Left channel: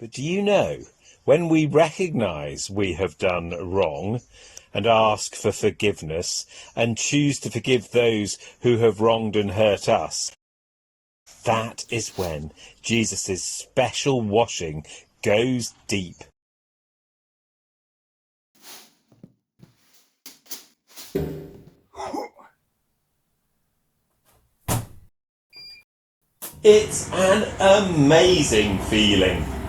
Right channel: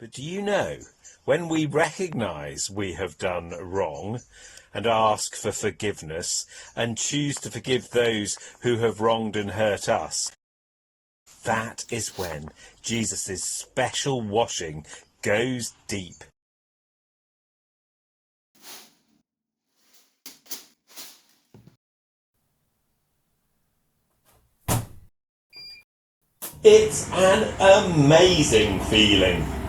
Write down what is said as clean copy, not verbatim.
But do you know, when we recognise we have done wrong and ask for forgiveness and choose to forgive those who have wronged and hurt us, that is when Jesus' special washing goes deep. It's an amazing feeling.